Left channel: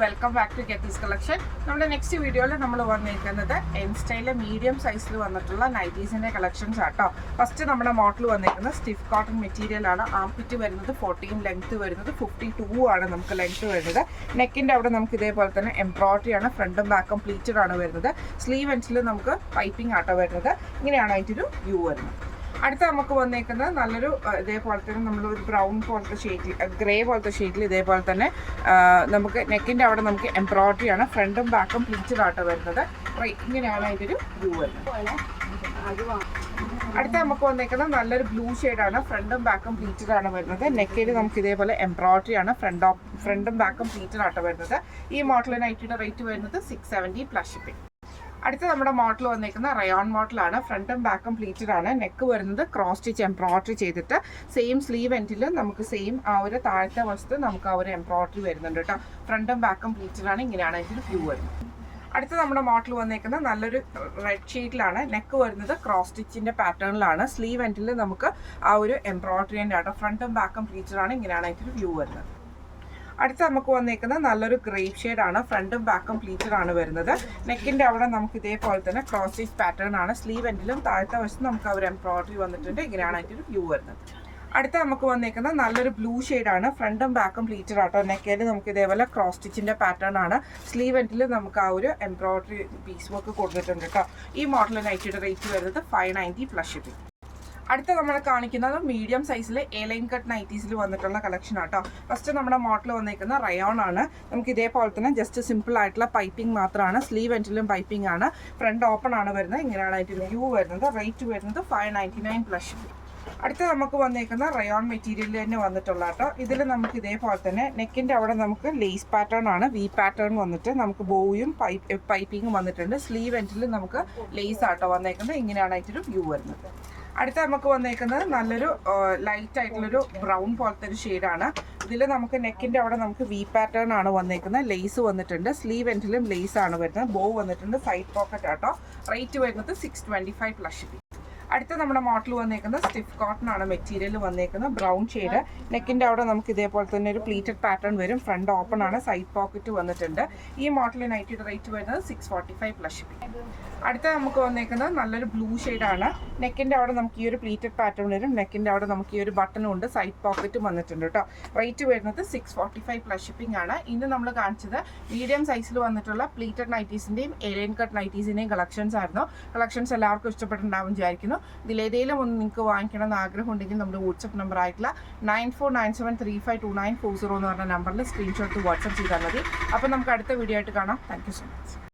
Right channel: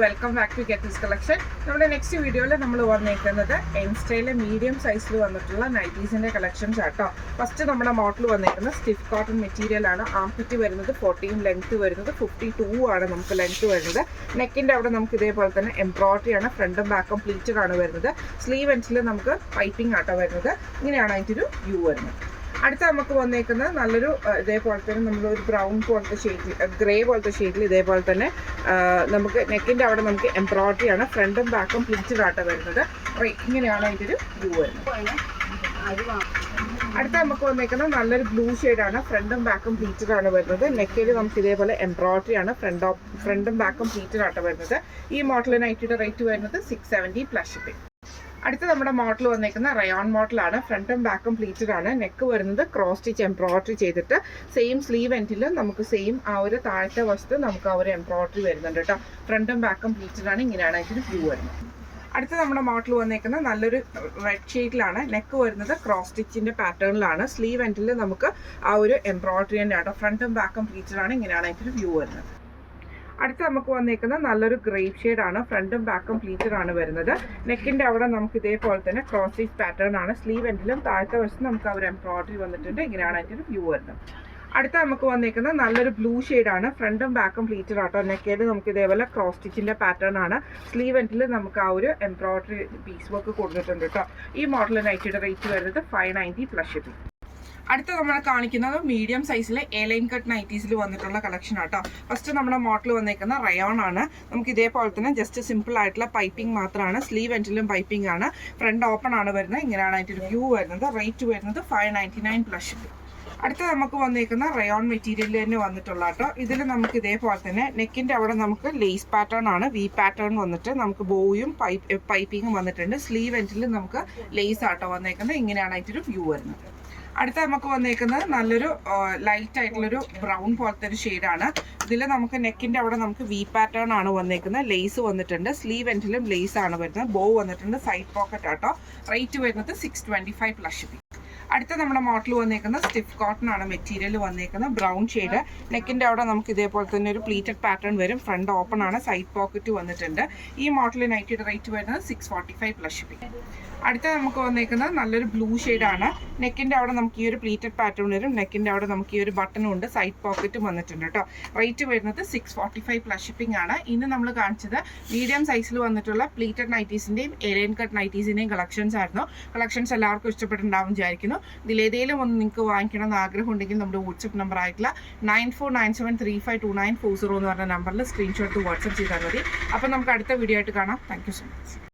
Welcome back to get this collection. നമ്മുടെ next വീഡിയോയിൽ നമ്മൾ വന്നേക്കുന്നത് എം സ്റ്റൈലിലെ മീഡിയം സൈസിൽ വന്നിട്ടുള്ള നൈറ്റീസിൻ്റെ കളക്ഷൻസ് ആട്ടോ. ഫസ്റ്റ് നമ്മുടെ മോഡൽ വന്നേക്കുന്നത് സ്റ്റിഫ് കോട്ടൺ മെറ്റീരിയൽ ആണ്. ആംപിറ്റ് വരുന്നത് 40, ലെങ്ത് വരുന്നത് 52 ആണ് നമുക്ക് ലെങ്ത് വരുന്നത്. നെക്കിൻ്റെ അവിടെ നമുക്ക് ഇതേപോലെ തന്നെ എംബ്രോയിഡറി ആണ്, ഫ്രണ്ടും ബാക്കും പ്ലീറ്റഡ് ആണ് വരുന്നത്. സ്ലീവ് എൻഡ്സിൽ നമുക്ക് പൈപ്പിംഗ് ആട്ടോ വരുന്നത്. ഇങ്ങനെയാണ് അതിൻ്റെ ഒരു വ്യൂ വരുന്നത്. അടുത്ത നമുക്ക് വന്നേക്കുന്നത് നല്ലൊരു ഇതേപോലെ തന്നെ നമ്മളൊരു ബ്രൗൺ പോലത്തെ ഷെയ്ഡിൽ, ഗ്രേ പോലത്തെ ഷെയ്ഡിൽ ഇതേപോലെ തന്നെ നമുക്ക് നെക്കിൻ്റെ അവിടെ നമുക്ക് എംബ്രോയിഡറി ആണ്, ഫ്രണ്ടും ബാക്കും പ്ലീറ്റഡ് ആയിട്ട് വരുന്നത്. ഇങ്ങനെയാണ് അതിൻ്റെ ഒരു വ്യൂ വരുന്നത്. അടുത്ത നമുക്ക് വന്നേക്കുന്നത് നല്ലൊരു ബ്ലൂ ഷെയ്ഡാണ്, ഫ്രണ്ടും ബാക്കും പ്ലീറ്റഡ് ആണ് വരുന്നത്. നെക്കിൽ നമുക്ക് ഇതേപോലെ എംബ്രോയിഡറി ആണ്, ഫ്രണ്ടും ബാക്കും പ്ലീറ്റഡ് ആയിട്ട് വരുന്നത്. ഈ മോഡൽ നൈറ്റിയുടെ റേറ്റ് വരുന്നത് 670 പ്ലസ് ഷിപ്പിംഗ്. അടുത്ത നമ്മുടെ മോഡൽ വന്നേക്കുന്ന റയോൺ മോഡലാണ്, ഫ്രണ്ടും ബാക്കും പ്ലീറ്റഡ് ആണ്. നെക്ക് വരുന്നത് ക്രോസ് സ്റ്റിച്ച് എംബ്രോയിഡറി ചെയ്തിട്ട് സെയിം സ്ലീവ് എൻഡിലും നമുക്ക് സെയിം ആ ഒരു താഴത്തെ വശത്ത് നമുക്ക് ആ ഒരു എംബ്രോയിഡറി വരുന്നുണ്ട് കേട്ടോ. ഫ്രണ്ടും ബാക്കും പ്ലീറ്റഡ് ആണ്. ഇങ്ങനെയാണ് ഇതിന് വ്യൂ വരുന്നത്. അടുത്ത നമ്മുടെ മോഡൽ വന്നേക്കുന്ന നല്ലൊരു റെഡ് ഷെയ്ഡിലാണ്. നെക്ക് വരുന്നത് ക്രോസ് സ്റ്റിച്ചിൻ്റെ പാറ്റേണിലാണ്. സ്ലീവ് എൻഡിൽ നമുക്ക് ആ ഒരു എംബ്രോയിഡറി തന്നെ ആട്ടോ. ഫ്രണ്ടും ബാക്കും പ്ലീറ്റഡ് ആണ്. ഇങ്ങനെയാണ് ഇതിന് വ്യൂ വരുന്നത്. അടുത്ത നമുക്ക് വന്നേക്കുന്നത് നല്ലൊരു ഗ്രേപ്പ് ഷെയ്ഡാണ്, ഫ്രണ്ടും ബാക്കും പ്ലീറ്റഡ് ആണ് വരുന്നത്. നെക്കിൻ്റെ അവിടെ നമുക്ക് ഇതേപോലെ തന്നെ ക്രോസ് സ്റ്റിച്ച് പാറ്റേൺ ആണ്. സ്ലീവ് എൻഡിലും താഴത്തെ വശത്ത് നമുക്ക് ആ ഒരു എംബ്രോയിഡറി വന്നിട്ടുണ്ട്. ഇങ്ങനെയാണ് അതിൻ്റെ വ്യൂ വരുന്നത്. അടുത്ത നമുക്ക് വന്നേക്കുന്നത് നല്ലൊരു ബ്ലൂ ഷെയ്ഡാണ്, ഫ്രണ്ടും ബാക്കും പ്ലീറ്റഡ് ആട്ടോ. നെക്കിൽ നമുക്ക് ഇതേപോലെ ക്രോസ് സ്റ്റിച്ചിൻ്റെ പാറ്റേൺ ആണ്. സ്ലീവ് എൻഡിൽ നമുക്ക് ആ ഒരു എംബ്രോയിഡറി പീസ് വർക്ക് കൊടുത്തിട്ടുണ്ട് കേട്ടോ. ഈ മോഡൽ നൈറ്റിയുടെ റേറ്റ് വരുന്നത് 590 പ്ലസ് ഷിപ്പിംഗ്. അടുത്ത നമ്മൾ കാണിക്കുന്നത് മീഡിയം സൈസിലെ എലൈൻ കട്ട് നൈറ്റീസിൽ വന്നിട്ടുള്ള കളക്ഷൻ ആട്ടോ. ഫസ്റ്റ് നമ്മുടെ മോഡൽ വന്നേക്കുന്ന റയോൺ ആണ്. നമുക്ക് ഇതേപോലെ തന്നെ ജസ്റ്റ് സിമ്പിൾ ആയിട്ടുള്ള പൈപ്പിംഗ് മാത്രമാണ്. സ്ലീവ് എൻഡിലും പൈപ്പിംഗ് ആണ്, ഫ്രണ്ട് ഓപ്പൺ ആണ് വരുന്നത്. ഇങ്ങനെയാണ് അതിൻ്റെ ഒരു വ്യൂ വരുന്നത്. റേറ്റ് വരുന്നത് 599 പ്ലസ് ഷിപ്പിംഗ്. അടുത്ത നമുക്ക് വന്നേക്കുന്ന റയോൺ മെറ്റീരിയൽ തന്നെ വന്നിട്ടുള്ള കേട്ടോ. ഇതിൽ നമുക്ക് ഇതേപോലെ തന്നെ നെക്കിൻ്റെ അവിടെ നമുക്ക് ലേസ് പാറ്റേൺ ആണ്, വി പാറ്റേൺ വന്നിട്ട് നമുക്ക് ബോയും പൈപ്പിങ്ങും വന്നിട്ടുണ്ട്. സ്ലീവ് എൻഡിൽ നമുക്ക് ലേസ് ആട്ടോ വന്നേക്കുന്നത്. ഇങ്ങനെയാണ് അതിൻ്റെ ഒരു വ്യൂ വരുന്നത്. അടുത്ത നമുക്ക് വന്നേക്കുന്നത് നല്ലൊരു ലൈറ്റ് ആയിട്ടുള്ളൊരു ബ്രൗൺ പോലത്തെ ഒരു ഷെയ്ഡാണ്. ഇതിൽ നമുക്ക് നെക്കിൻ്റെ അവിടെ നമുക്ക് വി പാറ്റേൺ ആണ് വന്നേക്കുന്നത്. ലേസ് വന്നിട്ടുണ്ട്. സ്ലീവ് എൻഡിലും ലേസ് ആണ് വരുന്നത്. ബോ വന്നിട്ടുണ്ട്. സൈഡ് പോക്കറ്റ് ആട്ടോ. റേറ്റ് വരുന്നത് 625 പ്ലസ് ഷിപ്പിംഗ്. അടുത്ത നമ്മുടെ മോഡൽ വന്നേക്കുന്നത് സ്റ്റിഫ് കോട്ടൺ ആണ് മെറ്റീരിയൽ വന്നേക്കുന്നത്. Brown shade. നെക്കിൻ്റെ അവിടെ നമുക്ക് ഇതേപോലെ തന്നെ ഒരു പ്ലീറ്റഡ് പാറ്റേൺ വരും. ഫ്രണ്ട് ഓപ്പൺ ആണ്, സൈഡ് പോക്കറ്റ് വന്നിട്ടുണ്ട്. ഈ മോഡൽ നൈറ്റിയുടെ റേറ്റ് വരുന്നത് 645 പ്ലസ് ഷിപ്പിംഗ്. അടുത്ത നമുക്ക് വന്നേക്കുന്നത് നല്ലൊരു ബ്ലൂ ഷെയ്ഡാണ്. നെക്കിൻ്റെ അവിടെ നമുക്ക് ഈ ഒരു പ്ലീറ്റഡ് പാറ്റേൺ വരും. നെക്കിൻ്റെ അവിടെ നമുക്ക് ഈ ഒരു ബട്ടണും ഉണ്ട്, സൈഡ് പോക്കറ്റും വന്നിട്ടുണ്ട് കേട്ടോ. റേറ്റ് വരുന്നത് 645 പ്ലസ് ഷിപ്പിംഗ് ആണ്. ഇന്ന് നമ്മൾ കാണിച്ചത് മീഡിയം സൈസിൽ വന്നിട്ടുള്ള പ്ലീറ്റഡ് നൈറ്റീസിൻ്റെയും എലൈൻ കട്ട് നൈറ്റീസിൻ്റെയും കളക്ഷൻസ് ആയിരുന്നു. കളക്ഷൻസ് എല്ലാവർക്കും ഇഷ്ടപ്പെട്ടുണ്ടാവും വിചാരിക്കുന്നു. ഇതിലേതെങ്കിലും ഒന്ന് നിങ്ങൾക്ക് വാങ്ങിക്കണം എന്ന് ആഗ്രഹം ഉണ്ടെങ്കിൽ നമ്മുടെ വാട്സപ്പ് നമ്പർ ആയിട്ടുള്ള 9497352940 എന്ന് പറഞ്ഞ നമ്പറിൽ സ്ക്രീൻഷോട്ട് വാട്സപ്പ് ചെയ്താൽ മതി. അപ്പോൾ നമുക്ക് അടുത്ത വീഡിയോ ആയിട്ട് കാണാം. Thank you so much.